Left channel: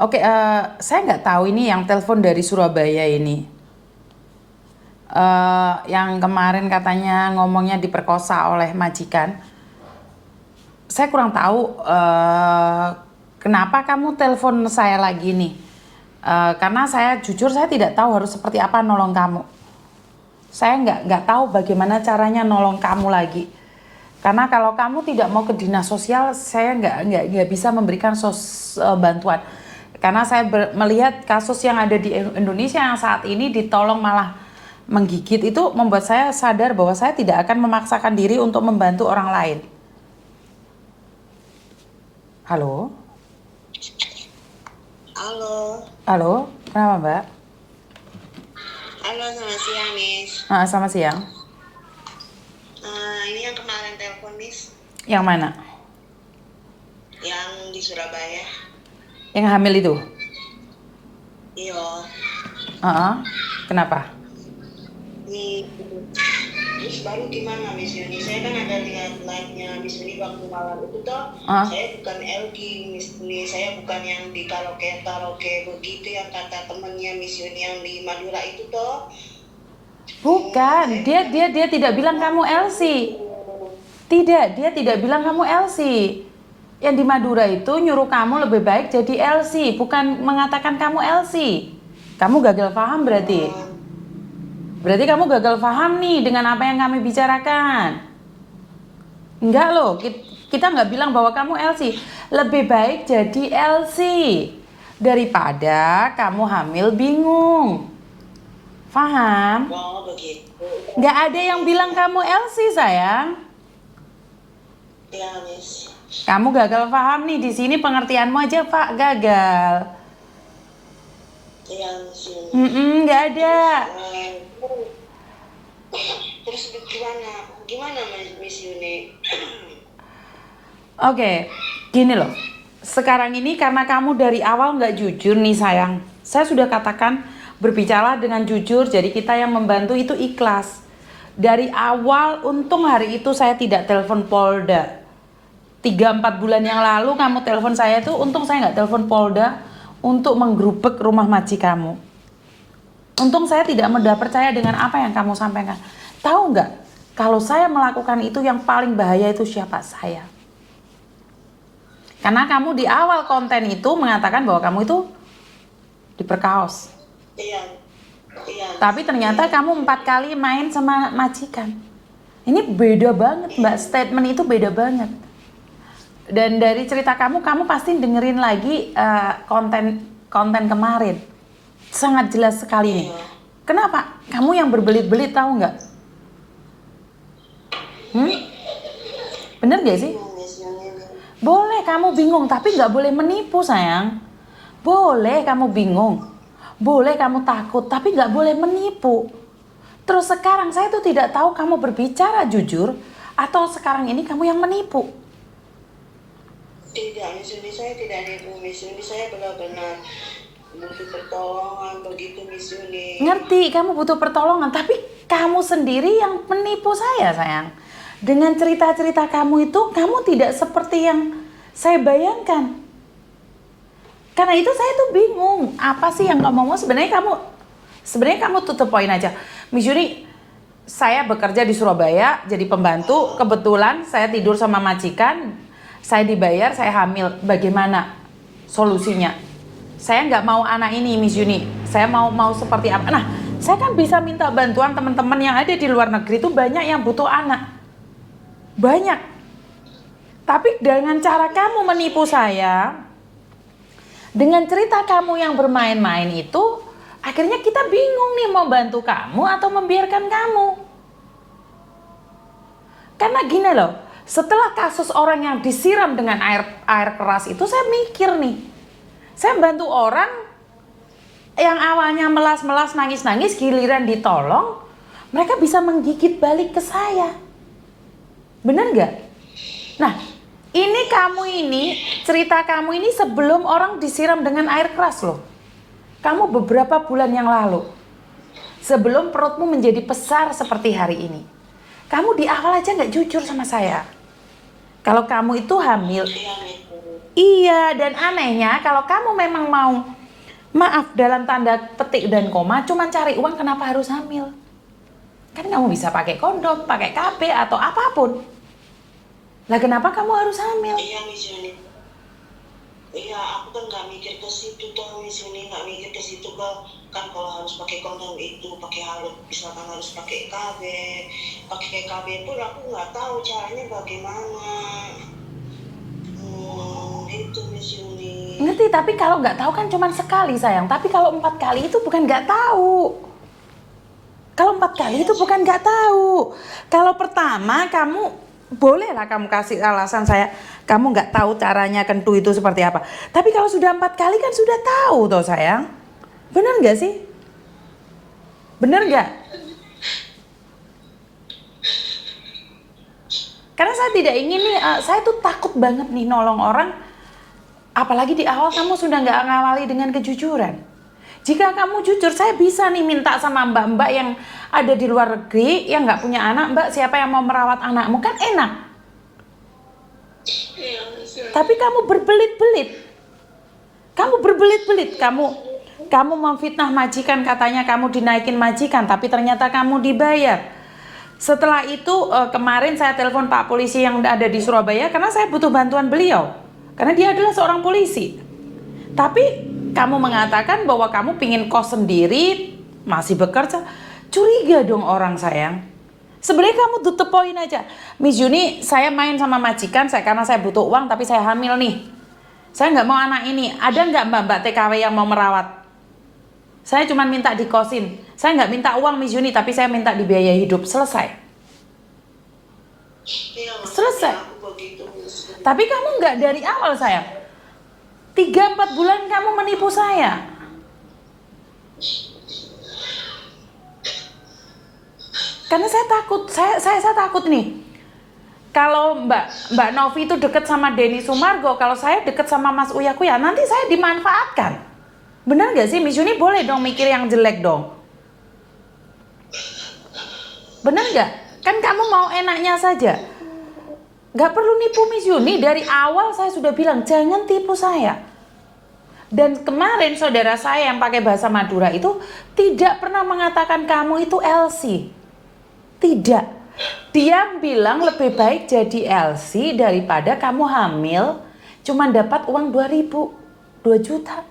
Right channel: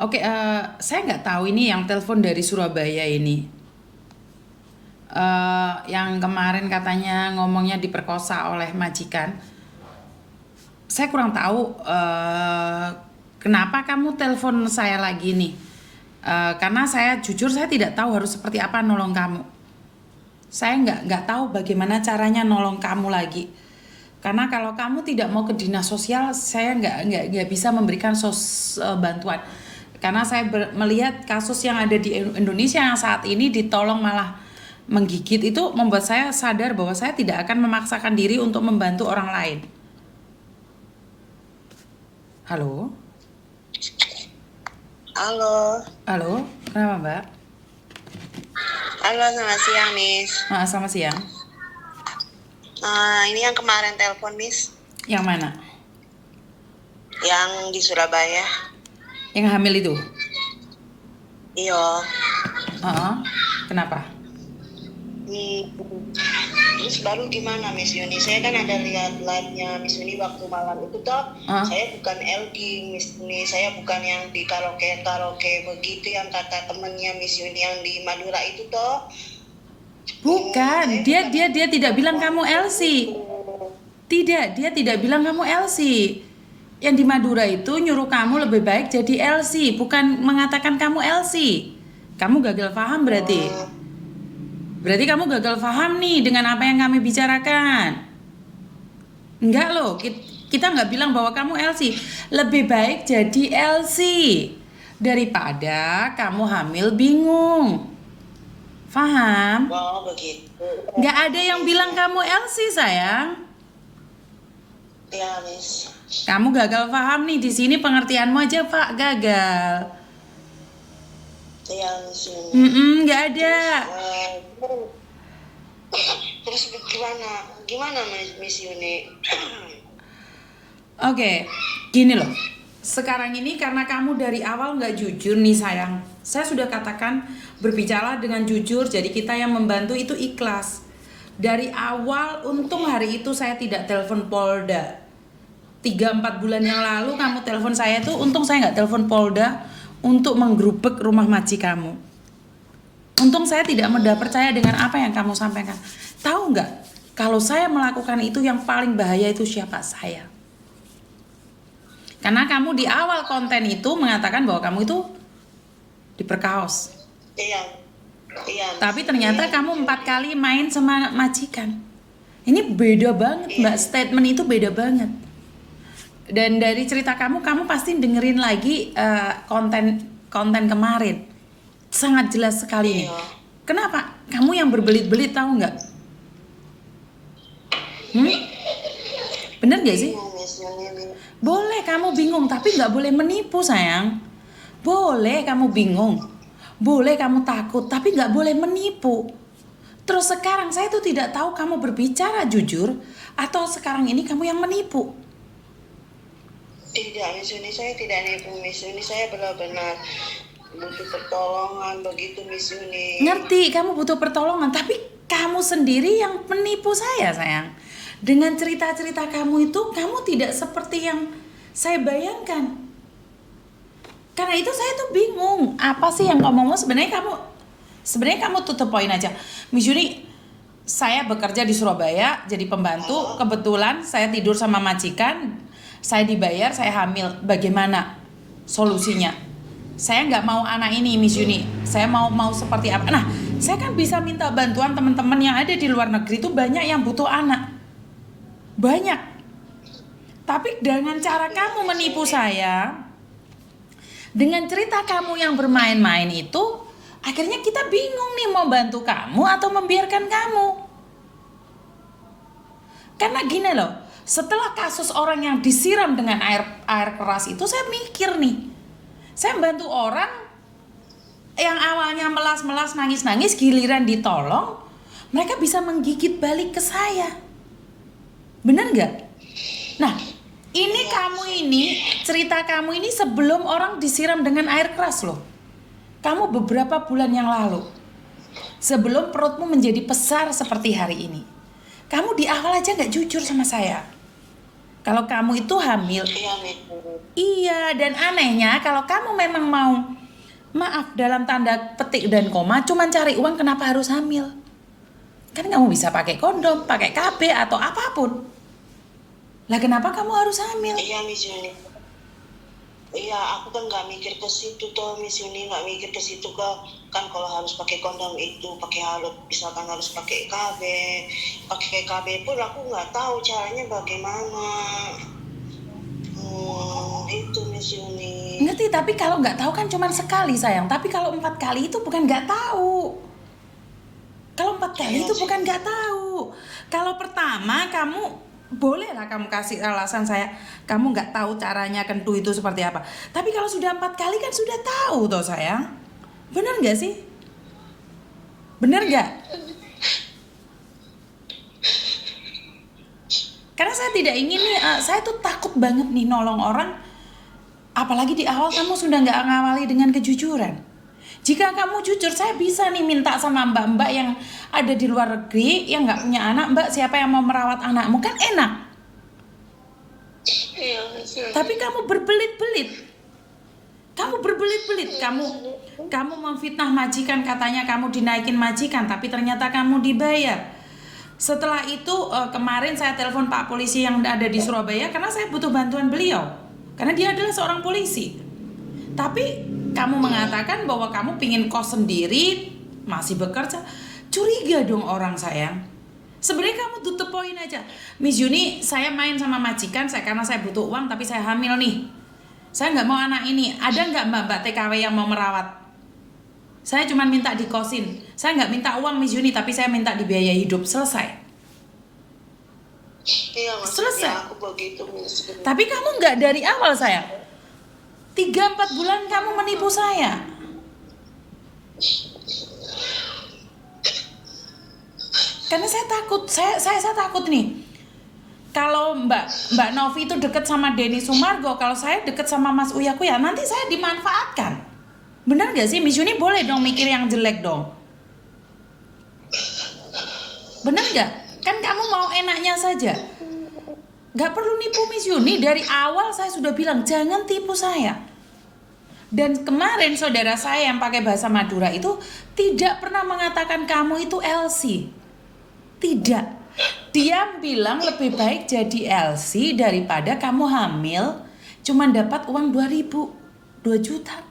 Oke, saya nggak tahu ini yang telepon dari Surabaya ini. Yang kemarin katanya ngomongnya diperkosa oleh majikan. Saya kurang tahu kenapa kamu telepon saya lagi nih. Karena saya jujur saya tidak tahu harus seperti apa nolong kamu. Saya nggak tahu bagaimana caranya nolong kamu lagi. Karena kalau kamu tidak mau ke dinas sosial, saya nggak bisa memberikan bantuan. Karena saya melihat kasus yang ada di Indonesia yang saat ini ditolong malah menggigit, itu membuat saya sadar bahwa saya tidak akan memaksakan diri untuk membantu orang lain. Halo? Halo, Halo? Kenapa, Mbak? halo, selamat siang, Miss. Selamat siang. Ini yang kemarin telepon, Miss, Yang mana? yang di Surabaya. Yang hamil itu? Iya. Kenapa? Terus baru gimana, Miss Yuni? Saya kan ada lihat live-nya Miss Yuni waktu malam itu toh. Saya bukan LG, Miss Yuni. Saya bukan yang di karaoke begitu yang kata temennya Miss Yuni yang di Madura itu toh. Bukan, dia tidak bilang kamu Elsie. Tidak, dia tidak bilang kamu Elsie. Yang di Madura itu nyuruh kamu lebih baik jadi Elsie, bukan mengatakan kamu Elsie. Kamu gagal paham berarti. Berarti kamu gagal paham nih dengan apa yang kami bicarakan. Enggak loh, kita nggak bilang bahwa kamu Elsie. Lebih baik jadi Elsie daripada kamu hamil bingung. Paham? Oh, begitu. Nggak ada yang bilang kamu Elsie, sayang. Ya, Miss. Kamu gagal paham nih, di sini pengertianmu aja Pak gagal. Iya, Miss Yuni. Nggak ada. Terus gimana Miss Yuni? Oke, gini loh. Sekarang ini karena kamu dari awal nggak jujur nih sayang. Saya sudah katakan berbicara dengan jujur, jadi kita yang membantu itu ikhlas. Dari awal untung hari itu saya tidak telepon Polda. 3-4 bulan yang lalu kamu telepon saya itu, untung saya nggak telepon Polda untuk menggerubek rumah maji kamu. Untung saya tidak mudah percaya dengan apa yang kamu sampaikan. Tahu nggak, kalau saya melakukan itu yang paling bahaya itu siapa? Saya. Karena kamu di awal konten itu mengatakan bahwa kamu itu diperkaos. Iya. Tapi ternyata kamu 4 kali main sama majikan. Ini beda banget Mbak, statement itu beda banget. Dan dari cerita kamu pasti dengerin lagi konten kemarin. Sangat jelas sekali nih. Kenapa? Kamu yang berbelit-belit, tahu nggak? Bener gak sih? Boleh kamu bingung, tapi nggak boleh menipu sayang. Boleh kamu bingung, boleh kamu takut, tapi nggak boleh menipu. Terus sekarang saya tuh tidak tahu kamu berbicara jujur atau sekarang ini kamu yang menipu. Tidak, Miss Yuni, saya tidak nipu, Miss Yuni. Saya benar-benar butuh pertolongan begitu, Miss Yuni. Ngerti, kamu butuh pertolongan, tapi kamu sendiri yang menipu saya, sayang. Dengan cerita-cerita kamu itu, kamu tidak seperti yang saya bayangkan. Karena itu saya tuh bingung, apa sih yang kamu mau? Sebenarnya kamu tutup poin aja. Miss Yuni, saya bekerja di Surabaya jadi pembantu, kebetulan saya tidur sama majikan. Saya dibayar, saya hamil. Bagaimana solusinya? Saya nggak mau anak ini, Miss Yuni. Saya mau seperti apa? Nah, saya kan bisa minta bantuan teman-teman yang ada di luar negeri itu banyak yang butuh anak. Banyak. Tapi dengan cara kamu menipu saya, dengan cerita kamu yang bermain-main itu, akhirnya kita bingung nih mau bantu kamu atau membiarkan kamu. Karena gini loh, setelah kasus orang yang disiram dengan air keras itu, saya mikir nih, saya bantu orang yang awalnya melas-melas nangis-nangis, giliran ditolong mereka bisa menggigit balik ke saya. Bener gak? Nah, cerita kamu ini sebelum orang disiram dengan air keras loh. Kamu beberapa bulan yang lalu, sebelum perutmu menjadi besar seperti hari ini, kamu di awal aja gak jujur sama saya. Kalau kamu itu hamil, Iya, dan anehnya kalau kamu memang mau, maaf dalam tanda petik dan koma, cuman cari uang, kenapa harus hamil? Kan kamu bisa pakai kondom, pakai KB atau apapun. Lah kenapa kamu harus hamil? Iya Miss Yuni. Iya, aku kan nggak mikir ke situ tuh Miss Yuni, nggak mikir ke situ kan kalau harus pakai kondom itu, harus misalkan harus pakai KB pun aku nggak tahu caranya bagaimana. Itu Miss Yuni. Ngerti, tapi kalau nggak tahu kan cuma sekali sayang. Tapi kalau 4 kali itu bukan nggak tahu. Kalau 4 kali itu bukan nggak tahu. Kalau pertama kamu bolehlah kamu kasih alasan saya, kamu nggak tahu caranya kentu itu seperti apa. Tapi kalau sudah 4 kali kan sudah tahu toh sayang. Bener nggak sih? Bener nggak? Karena saya tidak ingin nih, saya tuh takut banget nih nolong orang. Apalagi di awal kamu sudah nggak ngawali dengan kejujuran. Jika kamu jujur, saya bisa nih minta sama mbak-mbak yang ada di luar negeri yang nggak punya anak, mbak siapa yang mau merawat anakmu, kan enak. Iya, Tapi kamu berbelit-belit, kamu memfitnah majikan, katanya kamu dinaikin majikan, tapi ternyata kamu dibayar. Setelah itu kemarin saya telepon Pak Polisi yang ada di Surabaya karena saya butuh bantuan beliau, karena dia adalah seorang polisi. Tapi kamu mengatakan bahwa kamu pingin kos sendiri, masih bekerja. Curiga dong orang sayang. Sebenarnya kamu tutup poin aja. Miss Yuni, saya main sama majikan karena saya butuh uang, tapi saya hamil nih. Saya nggak mau anak ini. Ada nggak mbak TKW yang mau merawat? Saya cuma minta dikosin. Saya nggak minta uang Miss Yuni, tapi saya minta dibiayai hidup. Selesai. Iya, Selesai. aku begitu Miss. Tapi kamu nggak dari awal sayang. 3-4 bulan kamu menipu saya. Karena saya takut, saya takut nih. Kalau Mbak Novi itu deket sama Denny Sumargo, kalau saya deket sama Mas Uya Kuya, nanti saya dimanfaatkan. Bener gak sih? Miss Yuni boleh dong mikir yang jelek dong. Bener gak? Kan kamu mau enaknya saja. Gak perlu nipu Miss Yuni. Dari awal saya sudah bilang jangan tipu saya. Dan kemarin saudara saya yang pakai bahasa Madura itu tidak pernah mengatakan kamu itu LC. Tidak. Dia bilang lebih baik jadi LC daripada kamu hamil cuma dapat uang 2 juta.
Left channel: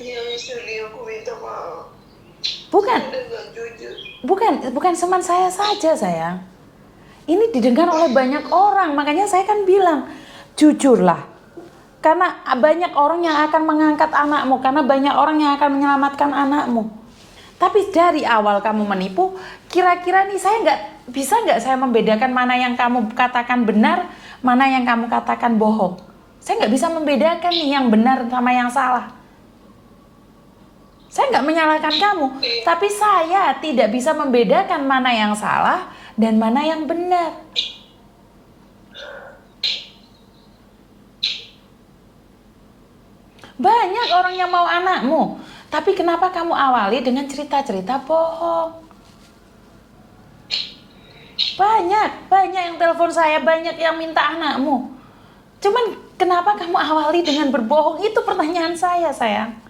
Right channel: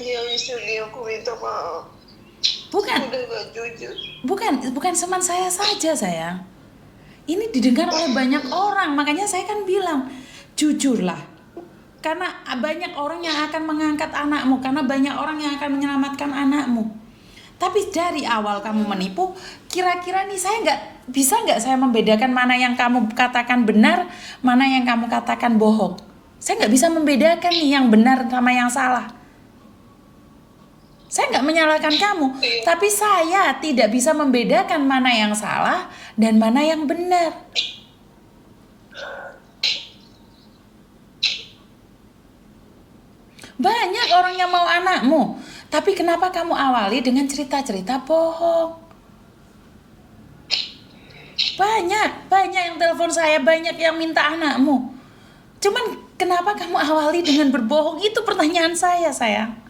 Iya Miss Yuni, aku minta maaf. Bukan cuman saya saja sayang. Ini didengar oleh banyak orang, makanya saya kan bilang jujurlah. Karena banyak orang yang akan mengangkat anakmu, karena banyak orang yang akan menyelamatkan anakmu. Tapi dari awal kamu menipu, kira-kira nih saya nggak saya membedakan mana yang kamu katakan benar, mana yang kamu katakan bohong. Saya nggak bisa membedakan nih yang benar sama yang salah. Saya nggak menyalahkan kamu, tapi saya tidak bisa membedakan mana yang salah dan mana yang benar. Banyak orang yang mau anakmu, tapi kenapa kamu awali dengan cerita-cerita bohong? Banyak yang telepon saya, banyak yang minta anakmu. Cuman kenapa kamu awali dengan berbohong? Itu pertanyaan saya, sayang.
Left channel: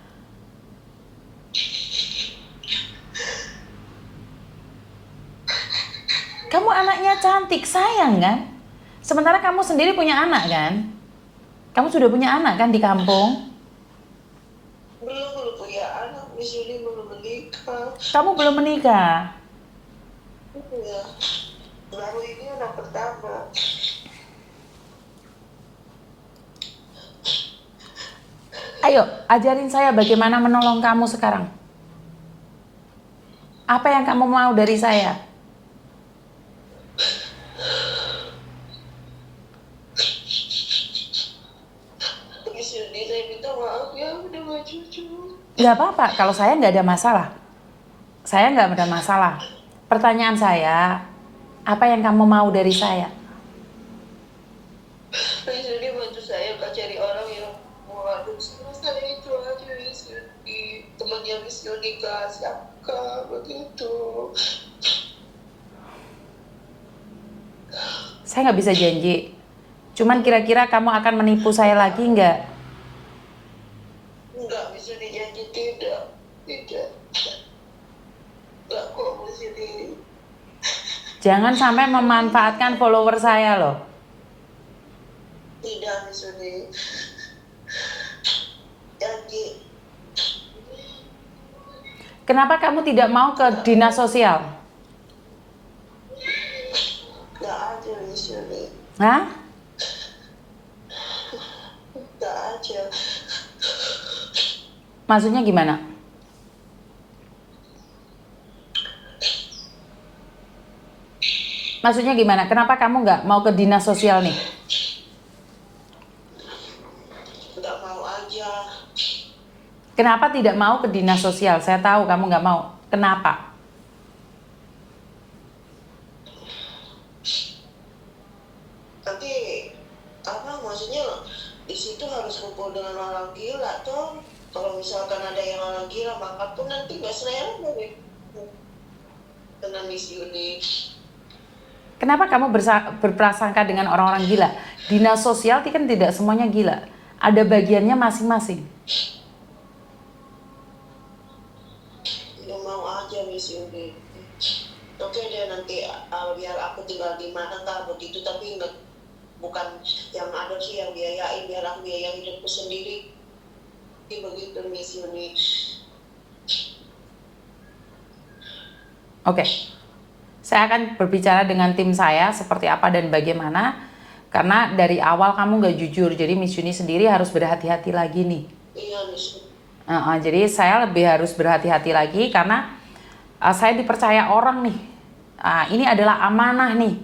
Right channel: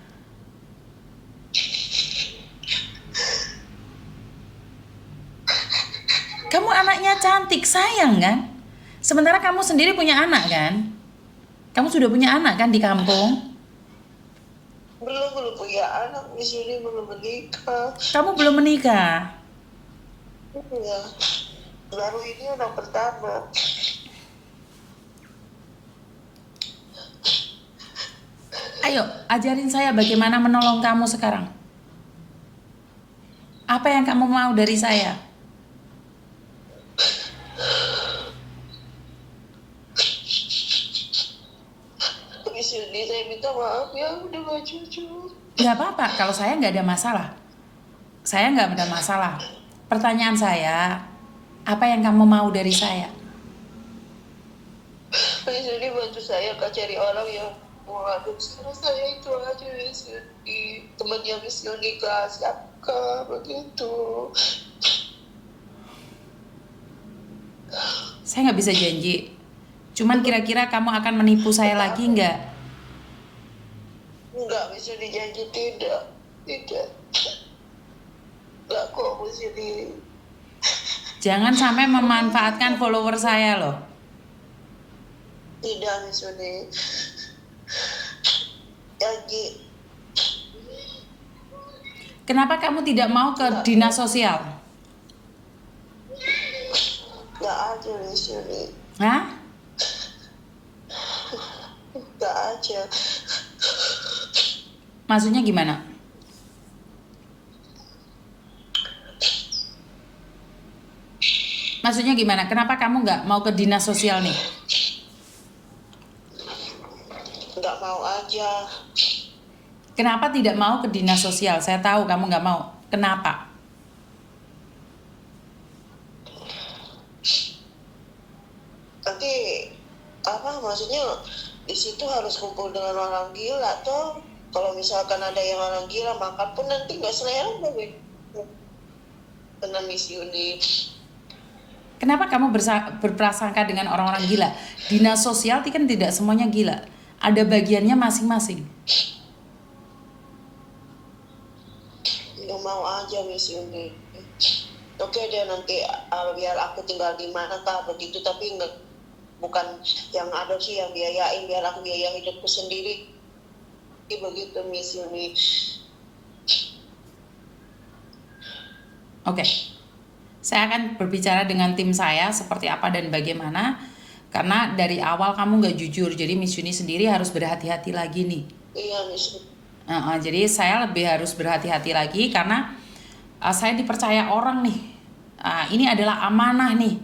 Kamu anaknya cantik, sayang kan? Sementara kamu sendiri punya anak kan? Kamu sudah punya anak kan di kampung? Belum punya anak, di sini belum menikah. Kamu belum menikah? Iya, baru ini anak pertama. Ayo, ajarin saya bagaimana menolong kamu sekarang. Apa yang kamu mau dari saya? Saya minta maaf ya, udah gak jujur. Gak apa-apa, kalau saya nggak ada masalah. Saya nggak ada masalah. Pertanyaan saya, apa yang kamu mau dari saya? Miss Yuni bantu saya cari orang yang mau ngadu sama saya, itu aja Miss Yuni. Temannya Miss Yuni kelas begitu. Saya nggak bisa janji. Cuman kira-kira kamu akan menipu saya lagi nggak? Enggak, Miss Yuni janji tidak. Tidak. Enggak kok, Miss Yuni. Jangan sampai memanfaatkan follower saya loh. Tidak, Miss Yuni. Janji. Kenapa kamu tidak mau ke dinas sosial? Enggak ada, Miss Yuni. Hah? Enggak ada. Maksudnya gimana? Maksudnya gimana? Kenapa kamu nggak mau ke dinas sosial nih? Enggak mau aja. Kenapa tidak mau ke dinas sosial? Saya tahu kamu nggak mau. Kenapa? Tapi apa maksudnya di situ harus kumpul dengan orang gila toh. Kalau misalkan ada yang orang gila makan pun nanti nggak selera kena Miss Yuni. Kenapa kamu berprasangka dengan orang-orang gila? Dinas sosial kan tidak semuanya gila. Ada bagiannya masing-masing. Nggak mau aja Miss Yuni. Oke deh nanti biar aku tinggal di mana tak begitu, tapi nggak, bukan yang ada sih yang biayain, biar aku biayain hidupku sendiri. Begitu Miss Yuni. Oke. Saya akan berbicara dengan tim saya seperti apa dan bagaimana. Karena dari awal kamu nggak jujur. Jadi Miss Yuni sendiri harus berhati-hati lagi nih. Iya Miss Yuni. Jadi saya lebih harus berhati-hati lagi karena saya dipercaya orang nih. Ini adalah amanah nih.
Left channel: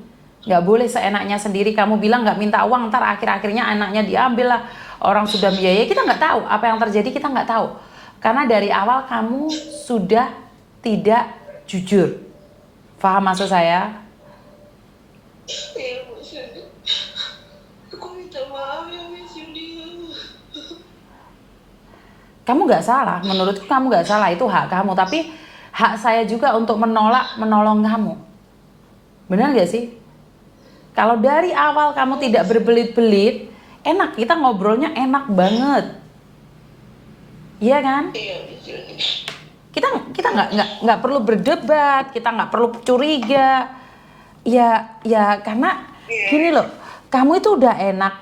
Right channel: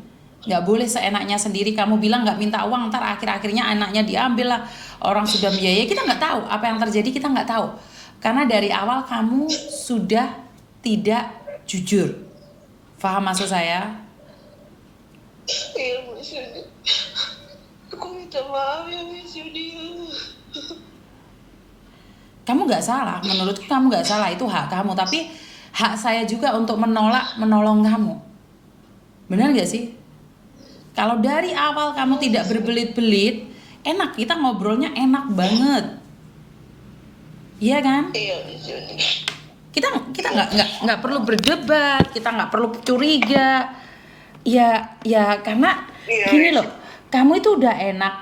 Nggak boleh seenaknya sendiri. Kamu bilang nggak minta uang, ntar akhir-akhirnya anaknya diambil lah. Orang sudah biaya, kita nggak tahu apa yang terjadi, kita nggak tahu. Karena dari awal kamu sudah tidak jujur. Paham maksud saya? Iya Miss Yuni. Aku minta maaf ya Miss Yuni. Kamu nggak salah, menurutku kamu nggak salah, itu hak kamu. Tapi hak saya juga untuk menolong kamu. Benar nggak sih? Kalau dari awal kamu tidak berbelit-belit, enak, kita ngobrolnya enak banget. Iya kan? Iya Miss Yuni. Kita nggak perlu berdebat, kita nggak perlu curiga. Ya karena gini loh, kamu itu udah enak